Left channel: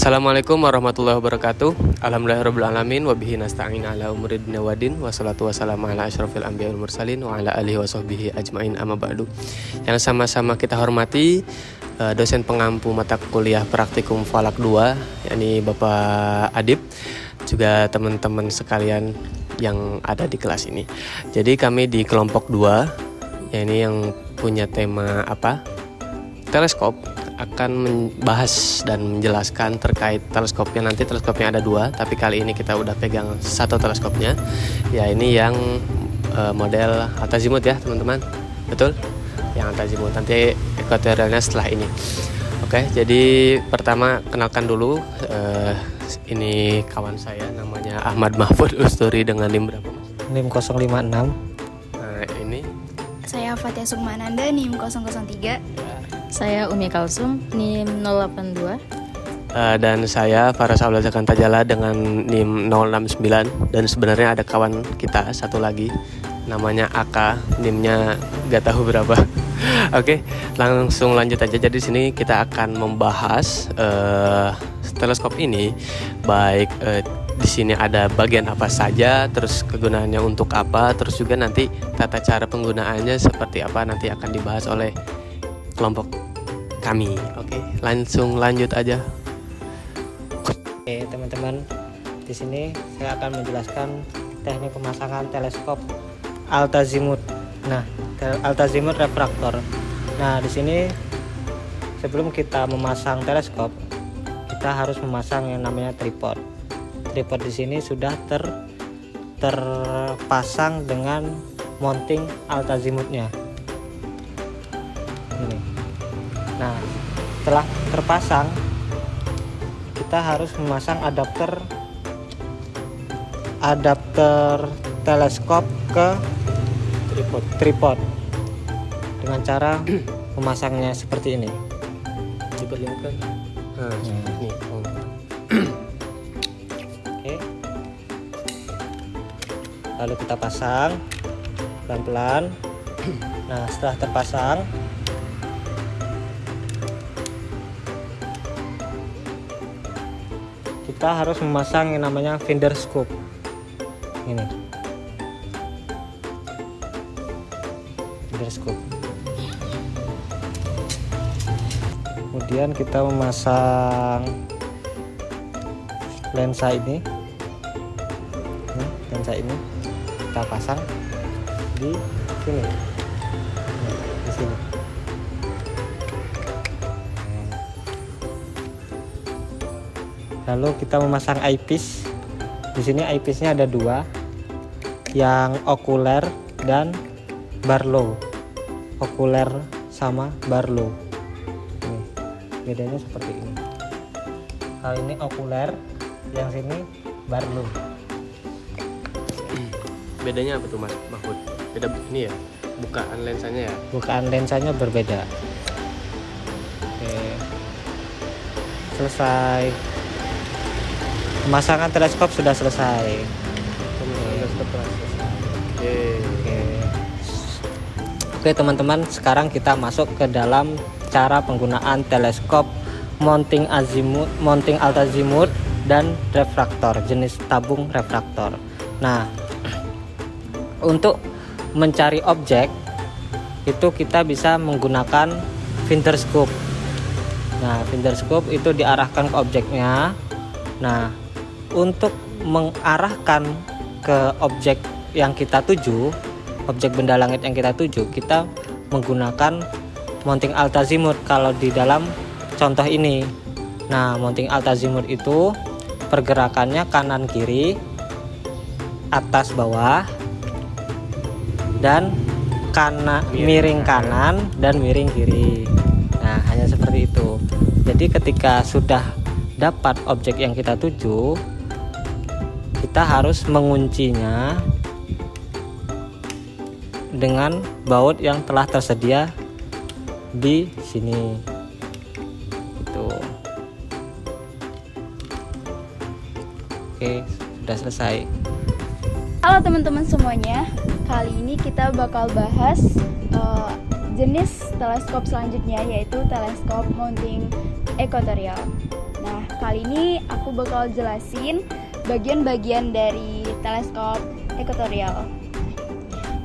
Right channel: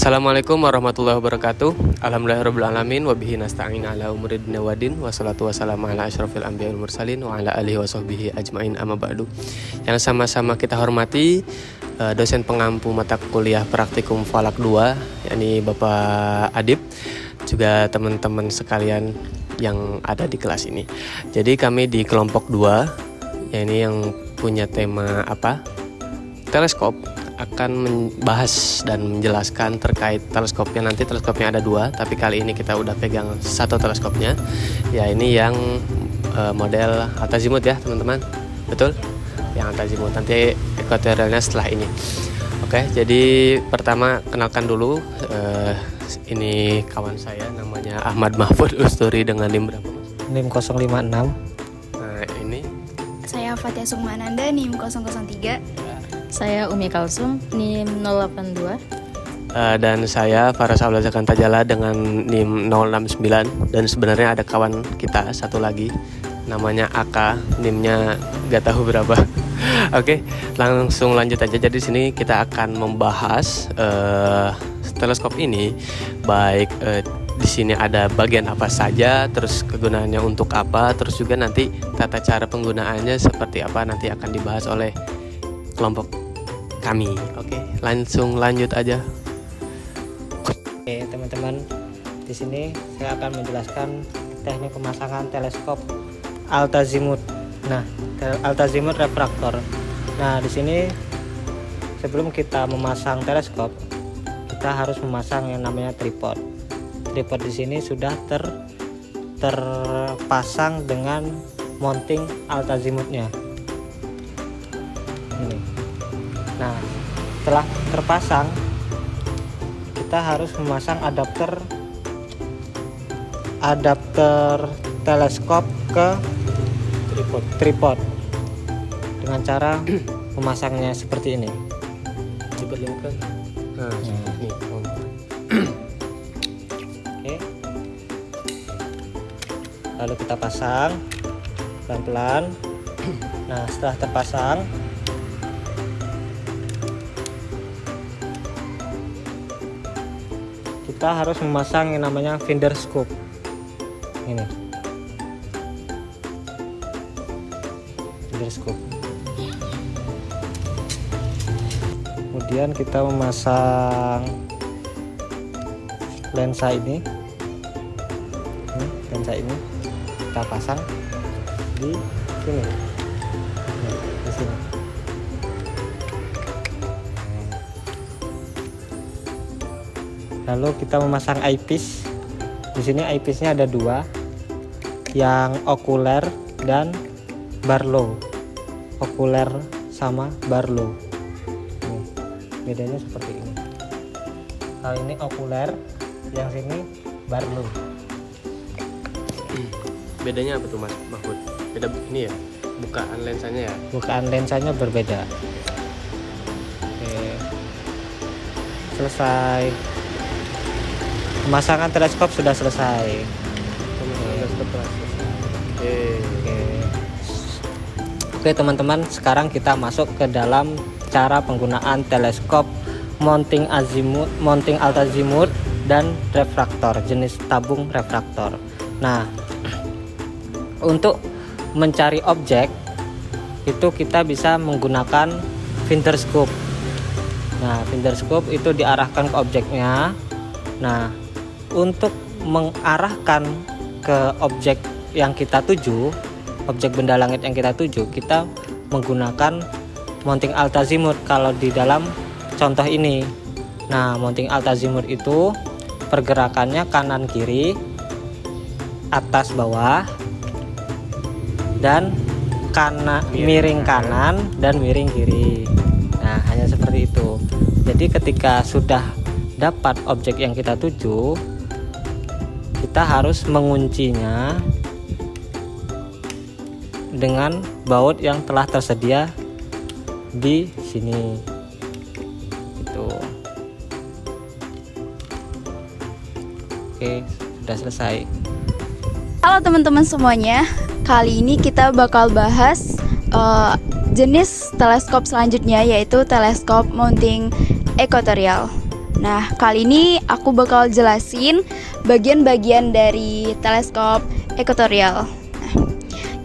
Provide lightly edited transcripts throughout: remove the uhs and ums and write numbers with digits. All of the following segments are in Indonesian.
Assalamualaikum warahmatullahi wabarakatuh. Alhamdulillahirrabbilalamin. Wabihi nasta'in ala umuri dunya waddin. Wassalatu wassalamu ala asyrafil anbiya wal mursalin wa ala alihi wa sahbihi ajmain amma ba'du. Yang sama-sama kita hormati dosen pengampu mata kuliah praktikum Falak 2, yakni Bapak Adib, juga teman-teman sekalian yang ada di kelas ini. Jadi kami di kelompok 2, yakni yang punya tema teleskop, akan membahas dan menjelaskan terkait teleskopnya. Nanti teleskopnya ada 2, tapi kali ini kita udah pegang satu teleskopnya. Ya, ini yang model altazimuth ya teman-teman. Betul? Yang altazimuth. Nanti ekuatorialnya setelah ini. Oke, jadi pertama kenalkan dulu. Ini kawan saya namanya Ahmad Mahfud Usturi dengan NIM berapa Mas? NIM 056. Nah, ini saya Fatia Sukmananda, NIM 003. Saya Umi Kalsum, NIM 082. Dan saya Faras Aula Zakantajala dengan NIM 069. Dan sebenarnya ada kawan kita satu lagi namanya AK, NIM-nya gak tahu berapa. Oke, langsung lanjut aja. Jadi di sini kita akan membahas teleskop ini, baik di sini ada bagian apa saja, terus kegunaannya untuk apa, terus juga nanti tata cara penggunaannya seperti apa nanti akan dibahas oleh kelompok kami. Oke, langsung lanjut aja. Oke, teman-teman, di sini saya akan menjelaskan teknik pemasangan teleskop altazimuth. Nah, altazimuth refraktor. Nah, di sini sebelum kita memasang teleskop, kita harus memasang yang namanya tripod. Tripod di sini sudah terpasang dengan mounting altazimuthnya. Ini. Nah, setelah terpasang, kita harus memasang adapter teleskop ke tripod dengan cara memasangnya seperti ini. Diperlihatkan. Nah, ini. Oke. Lalu kita pasang pelan-pelan. Nah, setelah terpasang, kita harus memasang yang namanya finder scope. Ini. Finder scope. Kemudian kita memasang lensa ini. Lensa ini kita pasang di sini. Nah, di sini. Lalu kita memasang eyepiece. Di sini eyepiece-nya ada 2, yang okuler dan Barlow. Okuler sama Barlow. Nih, bedanya seperti ini. Kalau ini okuler, yang sini Barlow. Bedanya apa tuh Mas Mahfud? Beda ini ya, bukaan lensanya ya. Bukaan lensanya berbeda. Oke, selesai. Pemasangan teleskop sudah selesai. Oke teman-teman, sekarang kita masuk ke dalam cara penggunaan teleskop mounting altazimuth dan refraktor, jenis tabung refraktor. Nah, untuk mencari objek itu kita bisa menggunakan finder scope. Nah, finder scope itu diarahkan ke objeknya. Nah, untuk mengarahkan ke objek yang kita tuju, objek benda langit yang kita tuju, kita menggunakan mounting altazimuth kalau di dalam contoh ini. Nah, mounting altazimuth itu pergerakannya kanan kiri, atas bawah, dan miring kanan dan miring kiri. Nah, hanya seperti itu. Jadi ketika sudah dapat objek yang kita tuju, kita harus menguncinya dengan baut yang telah tersedia di sini. Itu. Oke, sudah selesai. Halo teman-teman semuanya, kali ini kita bakal bahas jenis teleskop selanjutnya, yaitu teleskop mounting ekuatorial. Nah, kali ini aku bakal jelasin bagian-bagian dari teleskop ekuatorial. Nah,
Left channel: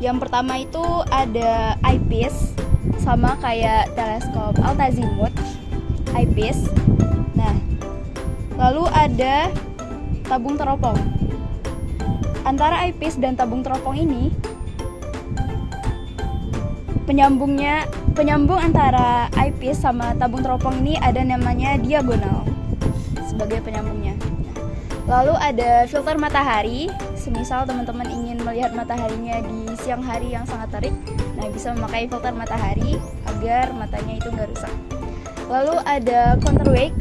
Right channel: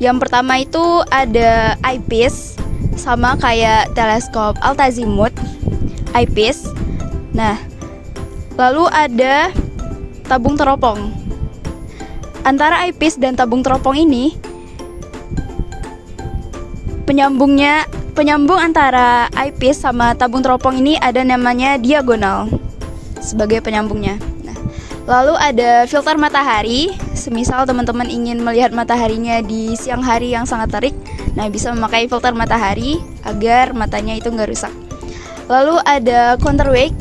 yang pertama itu ada eyepiece, sama kayak teleskop altazimuth, eyepiece. Nah, lalu ada tabung teropong. Antara eyepiece dan tabung teropong ini, penyambung antara eyepiece sama tabung teropong ini ada namanya diagonal sebagai penyambungnya. Nah, lalu ada filter matahari, semisal teman-teman ingin melihat mataharinya di siang hari yang sangat terik, nah bisa memakai filter matahari agar matanya itu nggak rusak. Lalu ada counterweight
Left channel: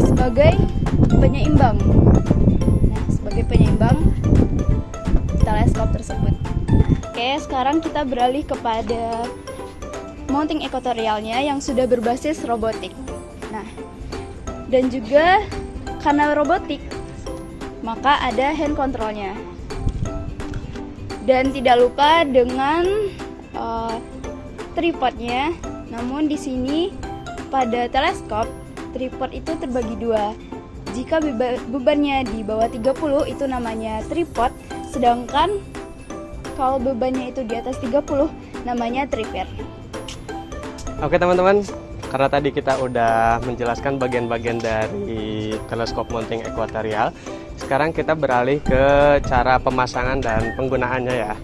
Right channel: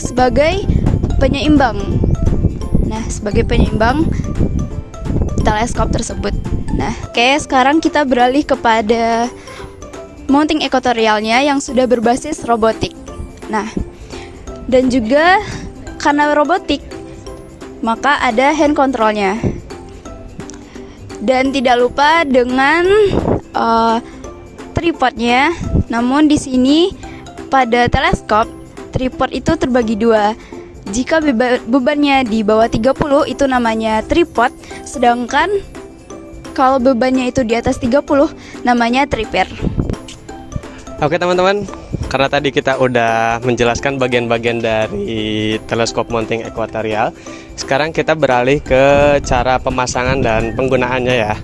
sebagai penyeimbang. Nah, sebagai penyeimbang teleskop tersebut. Nah, oke, sekarang kita beralih kepada mounting ekuatorialnya yang sudah berbasis robotik. Nah, dan juga karena robotik, maka ada hand controlnya. Dan tidak lupa dengan tripodnya. Namun di sini pada teleskop, tripod itu terbagi dua. Jika bebannya di bawah 30 itu namanya tripod, sedangkan kalau bebannya itu di atas 30 namanya tripod. Oke teman-teman, karena tadi kita udah menjelaskan bagian-bagian dari teleskop mounting ekuatorial, sekarang kita beralih ke cara pemasangan dan penggunaannya ya.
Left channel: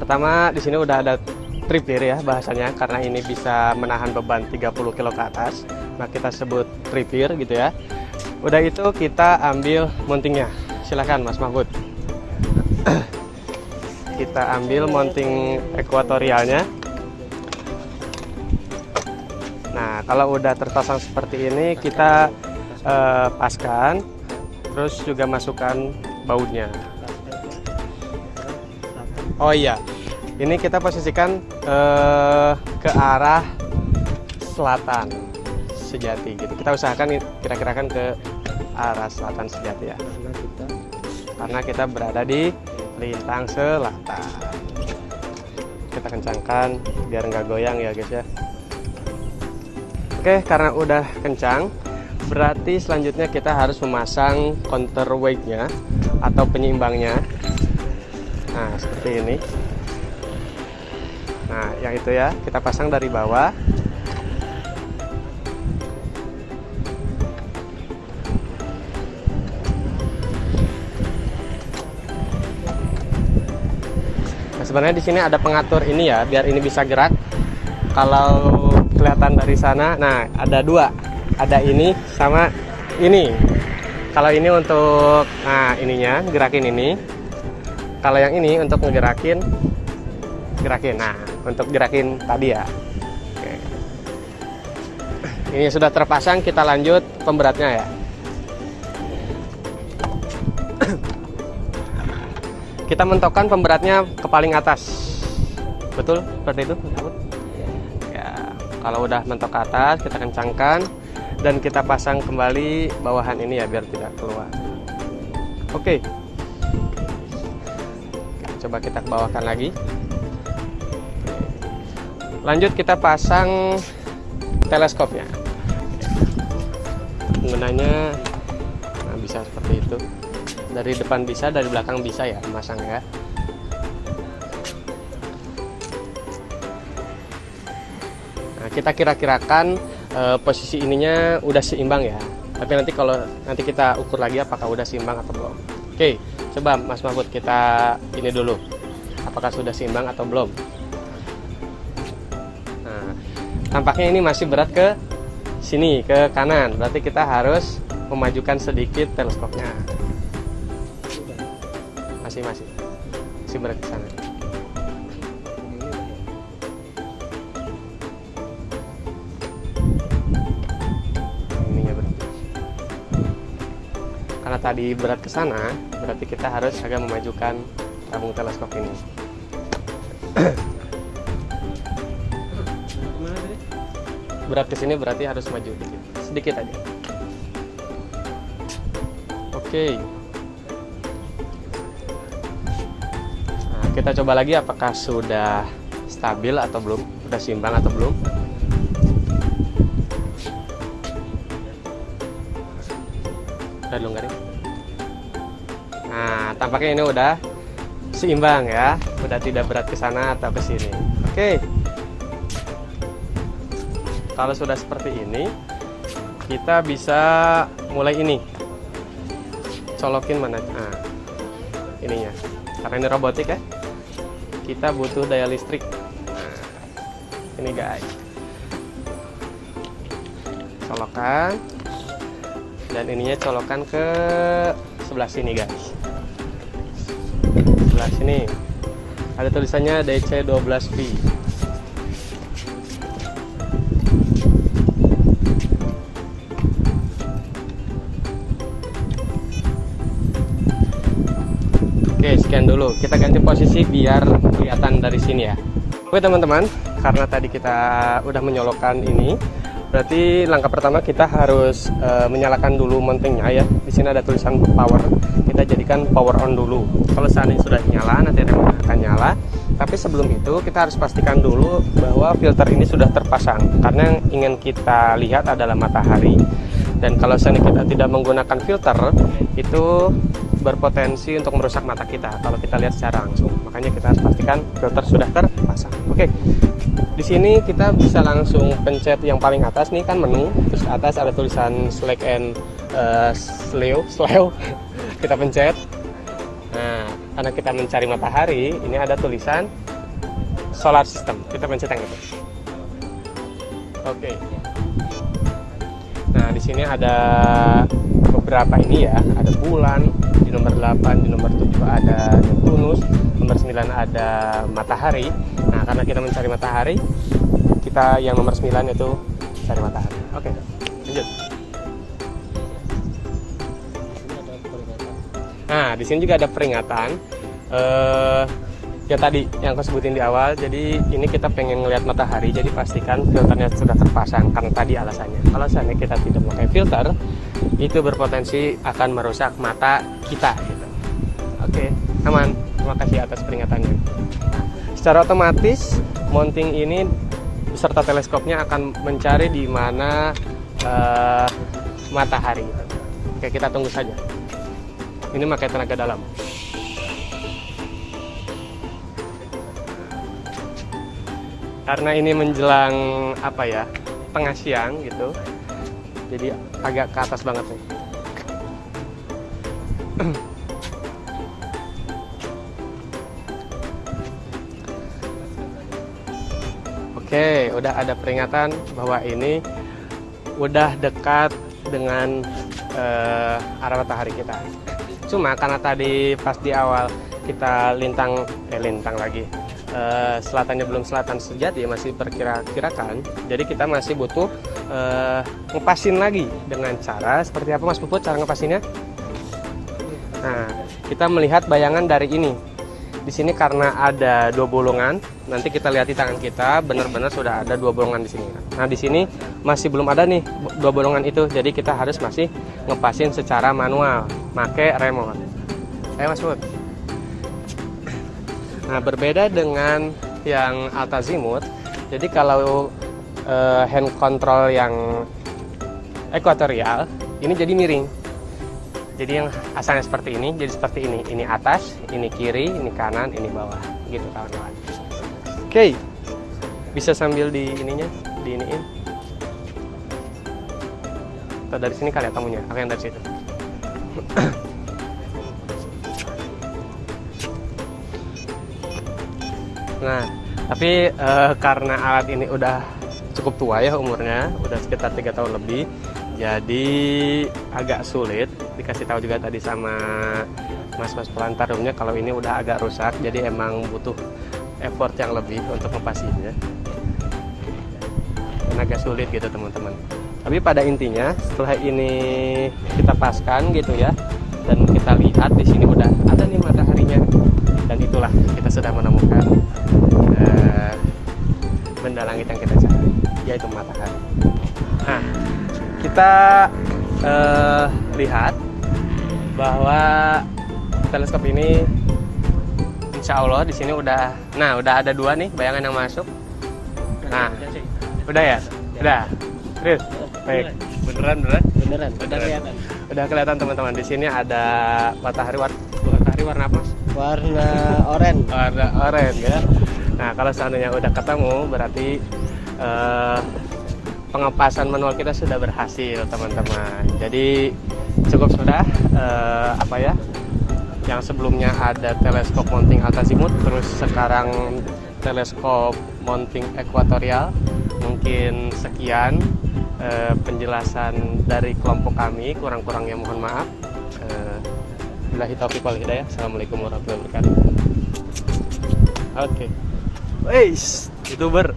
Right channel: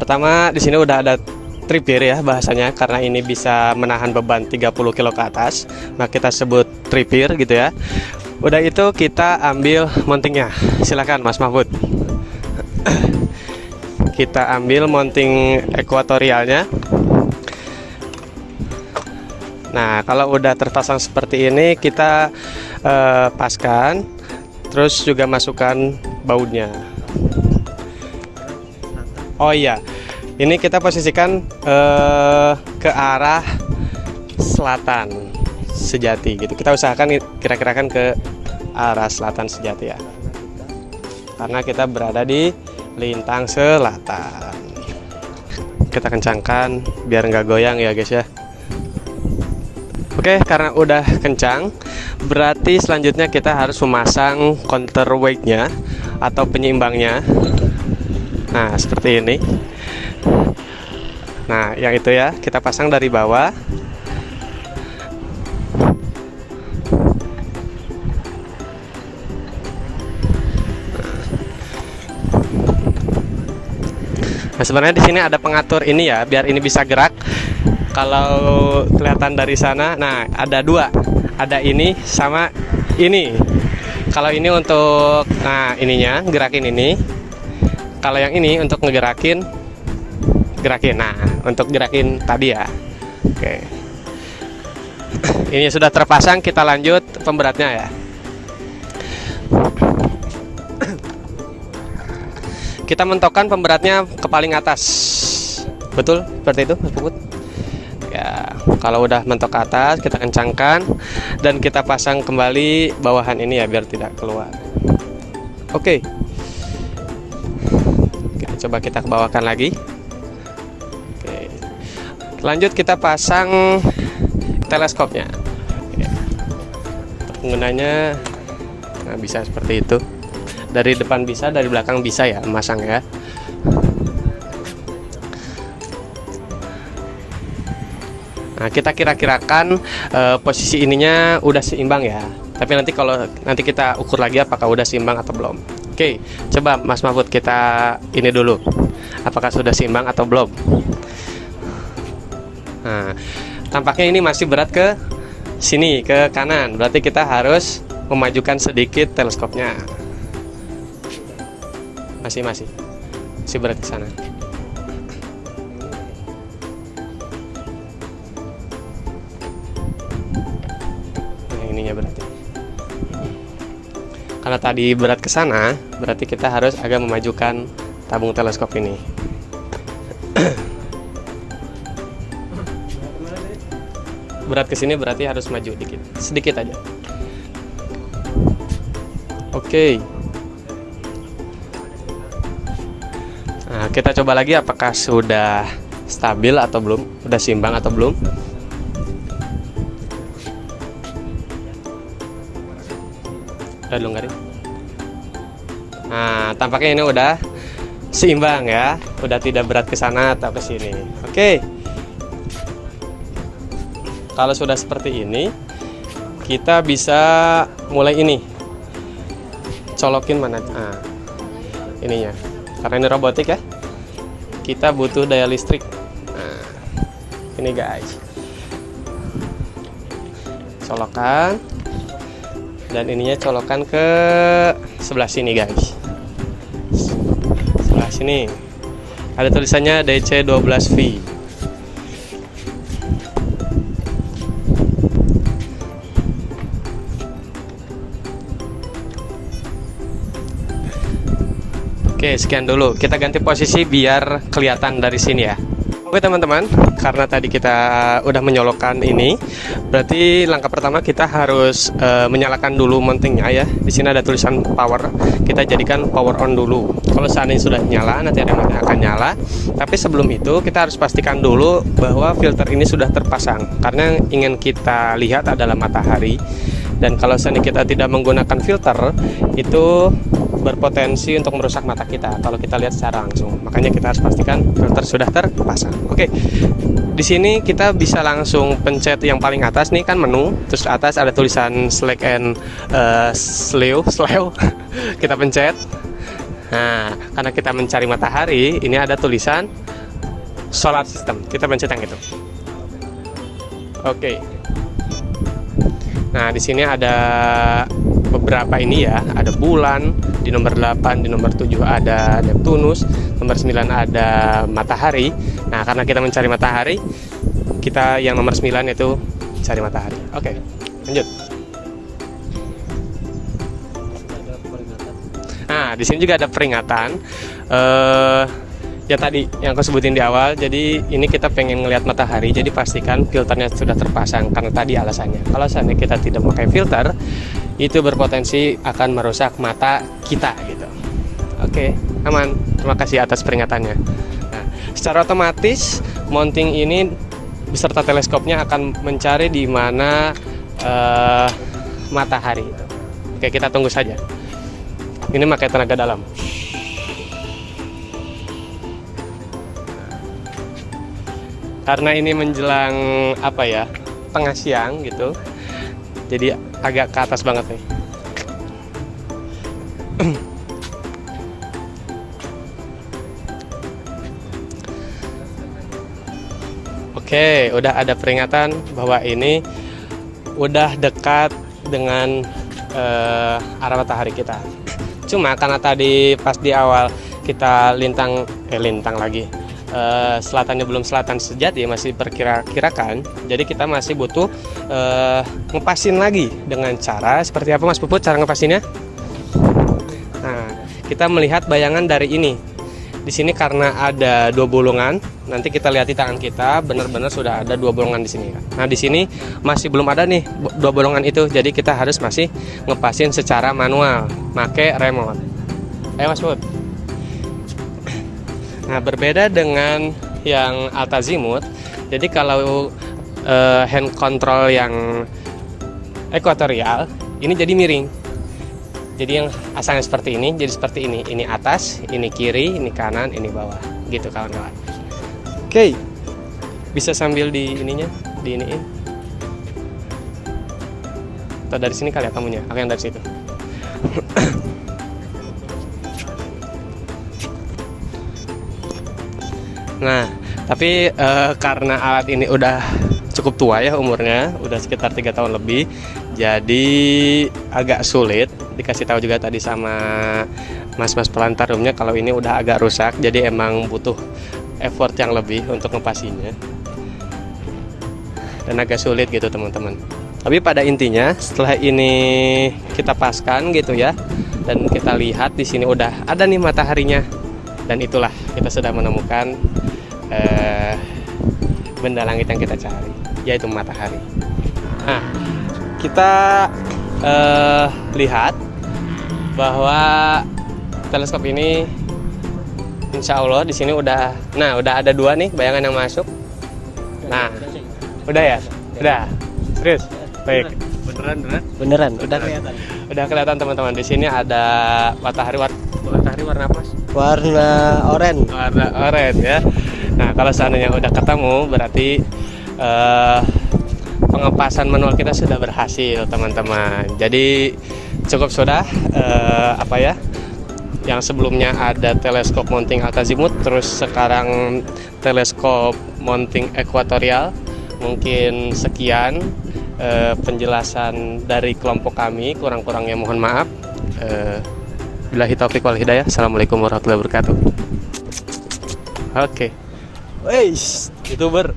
Pertama, di sini udah ada tripod ya bahasanya, karena ini bisa menahan beban 30 kilo ke atas, maka kita sebut tripod gitu ya. Udah itu kita ambil mountingnya. Silakan Mas Mahfud. Kita ambil mounting ekuatorialnya. Nah, kalau udah terpasang seperti ini, kita paskan, terus juga masukkan bautnya. Oh iya, ini kita posisikan ke arah selatan sejati gitu. Kita usahakan kira-kira kan ke arah selatan sejati ya. Karena kita berada di lintang selatan. Kita kencangkan biar nggak goyang ya guys ya. Oke, karena udah kencang, berarti selanjutnya kita harus memasang counterweight-nya atau penyeimbangnya. Nah, seperti ini. Nah, yang itu ya, kita pasang dari bawah. Nah, sebenarnya di sini ada pengatur ini ya, biar ini bisa gerak. Kalau kelihatan dari sana, nah ada dua, ada ini sama ini. Kalau ini untuk, nah ininya gerakin ini. Kalau yang ini untuk ngegerakin, gerakin. Nah, untuk gerakin tadi ya. Oke. Ini sudah terpasang, kita lanjut pemberatnya ya. Kita mentokkan pemberatnya ke paling atas. Betul? Seperti itu, Mas Put? Ya, kalau udah mentok ke atas, kita kencangkan dan kita pasang kembali bawahan ini ya biar tidak keluar. Oke. Coba kita bawakan lagi. Oke. Lanjut kita pasang teleskopnya. Oke. Penggunanya nah, bisa seperti itu. Dari depan bisa, dari belakang bisa ya memasang ya. Nah, kita kira-kirakan posisi ininya udah seimbang ya. Tapi nanti kita ukur lagi apakah udah seimbang atau belum. Oke, coba Mas Mahfud kita ini dulu. Apakah sudah seimbang atau belum? Nah, tampaknya ini masih berat ke sini, ke kanan. Berarti kita harus memajukan sedikit teleskopnya. Masih berat ke sana. Berarti karena tadi berat ke sana, berarti kita harus agak memajukan tabung teleskop ini. Berat ke sini berarti harus maju dikit, sedikit aja. Oke. Nah, kita coba lagi apakah sudah stabil atau belum, sudah seimbang atau belum. Udah dulu garing. Nah, tampaknya ini udah seimbang ya, udah tidak berat ke sana atau ke sini. Oke. Kalau sudah seperti ini, kita bisa mulai ini. Colokin mana? Nah, ininya. Karena ini robotik ya. Kita butuh daya listrik. Nah, ini guys. Colokan. Dan ininya colokan ke sebelah sini guys. Sebelah sini. Ada tulisannya DC12V. Oke, sekian dulu. Kita ganti posisi biar kelihatan dari sini ya. Oke teman-teman, karena tadi kita udah menyolokkan ini, berarti langkah pertama kita harus menyalakan dulu mountingnya ya. Di sini ada tulisan power. Kita jadikan power on dulu. Kalau seandainya sudah nyala, nanti remote akan nyala. Tapi sebelum itu kita harus pastikan dulu bahwa filter ini sudah terpasang. Karena yang ingin kita lihat adalah matahari. Dan kalau seandainya kita tidak menggunakan filter, itu berpotensi untuk merusak mata kita kalau kita lihat secara langsung. Makanya kita harus pastikan filter sudah terpasang. Oke, di sini kita bisa langsung pencet yang paling atas nih kan menu, terus atas ada tulisan select and slow. Kita pencet. Nah, karena kita mencari matahari, ini ada tulisan solar system. Kita pencet yang itu. Oke. Nah, di sini ada beberapa ini ya, ada bulan, di nomor 8, di nomor 7 ada Neptunus, nomor 9 ada matahari. Nah, karena kita mencari matahari, kita yang nomor 9 itu cari matahari. Oke, lanjut. Nah, di sini juga ada peringatan. Ya tadi yang aku sebutin di awal, jadi ini kita pengen ngelihat matahari, jadi pastikan filternya sudah terpasang karena tadi alasannya. Kalau seandainya kita tidak memakai filter, itu berpotensi akan merusak mata kita gitu. Oke, aman. Terima kasih atas peringatannya. Nah, secara otomatis mounting ini beserta teleskopnya akan mencari di mana matahari. Oke, kita tunggu saja. Ini pakai tenaga dalam. Karena ini menjelang apa ya, tengah siang gitu, jadi agak ke atas banget nih. Oke, udah ada peringatan bahwa ini udah dekat dengan arah matahari kita. Cuma karena tadi pas di awal kita lintang lagi. Selatannya belum selatan sejati, masih perkira-kirakan, jadi kita masih butuh ngepasin lagi dengan cara seperti apa Mas Puput cara ngepasinnya? Nah, kita melihat bayangan dari ini. Di sini karena ada 2 bolongan, nanti kita lihat di tangan kita benar-benar sudah ada 2 bolongan di sini. Nah, di sini masih belum ada nih 2 bolongan itu, jadi kita harus masih ngepasin secara manual, pakai remote. Ayo Mas Puput. Nah, berbeda dengan yang Altazimuth, jadi kalau hand control yang ekuatorial ini jadi miring. Jadi yang asalnya seperti ini jadi seperti ini. Ini atas, ini kiri, ini kanan, ini bawah. Gitu kawan-kawan. Oke. Bisa sambil di ininya, diiniin. Atau dari sini kali ya kamunya, aku yang dari situ. Nah, tapi karena alat ini udah cukup tua ya umurnya, udah sekitar 3 tahun lebih, jadi agak sulit. Dikasih tahu juga tadi sama mas-mas pelantar roomnya kalau ini udah agak rusak, jadi emang butuh effort yang lebih untuk ngepasinya dan agak sulit gitu teman-teman. Tapi pada intinya setelah ini kita paskan gitu ya, dan kita lihat di sini udah ada nih mataharinya. Dan itulah kita sudah menemukan benda langit yang kita cari, yaitu matahari. Nah, kita lihat bahwa teleskop ini, insya Allah di sini udah ada 2 nih bayangan yang masuk. Nah, udah ya, udah serius, baik, beneran, udah kelihatan. Udah kelihatan teman-teman. Di sini ada matahari warna apa, Mas? Warna oranye. Warna oranye ya. Nah, kalau seandainya udah ketemu berarti pengepasan manual kita sudah berhasil, teman-teman. Jadi cukup sudah yang sebelumnya ada teleskop mounting altazimuth, terus sekarang teleskop mounting ekuatorial. Mungkin sekian penjelasan dari kelompok kami, kurang-kurangnya mohon maaf. Billahi taufiq wal hidayah. Assalamualaikum warahmatullahi wabarakatuh. Oke. Youtuber.